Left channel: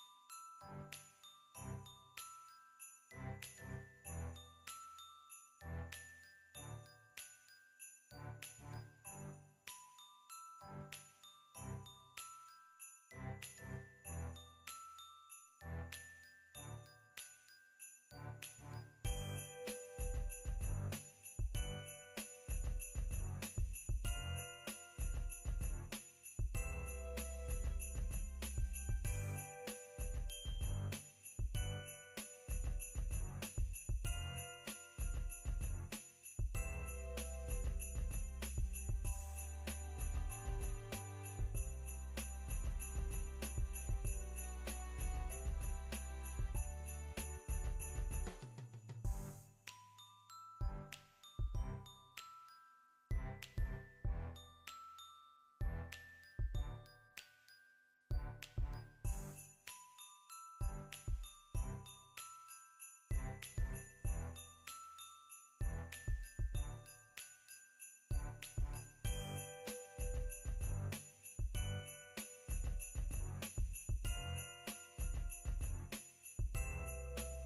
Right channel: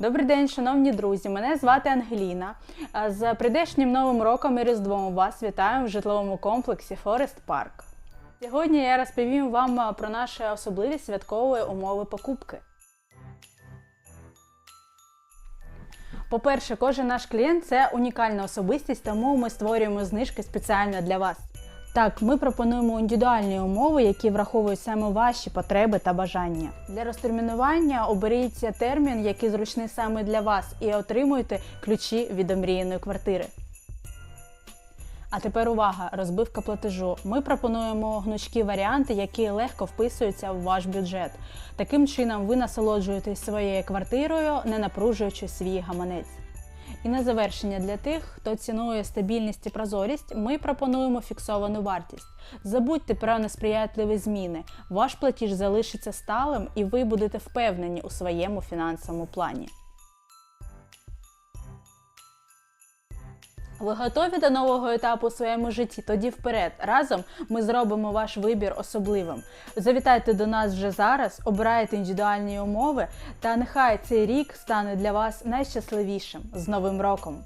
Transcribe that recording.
Добрий день, шановні друзі. Мене звати Ангеліна. З прийдешнім новим роком і Різдвом вас вітаю в житловому комплексі Форест Парк. Сьогодні я розповім вам про наші особливі святкові умови покупки. По-перше, кожен наш клієнт це унікальна особистість, тому ми створюємо знижки спеціально для вас. Так, ми пропонуємо індивідуальні умови, які враховують саме ваші потреби та бажання. Для розтермінування оберіть термін, який зручний саме для вас, і отримуйте ключі від омріяної квартири. А тепер увага! Розбивка платежу. Ми пропонуємо гнучкі варіанти, які легко вписуються в ваш бюджет. Таким чином, ви насолоджуєтесь своєю квартирою, не напружуючи свій гаманець. І на завершення для тих, хто цінує стабільність і прозорість, ми пропонуємо фіксовану вартість. Забудьте про несприятливі зміни. Ваш платіж залишиться сталим, і ви будете впевнені у своєму фінансовому плані. Ви готові до нового етапу у своєму житті? Тоді вперед. Разом ми зробимо ваш вибір особливим. Завітайте до нас вже зараз, обирайте індивідуальні умови, та нехай цей рік стане для вас найщасливішим з Новим роком!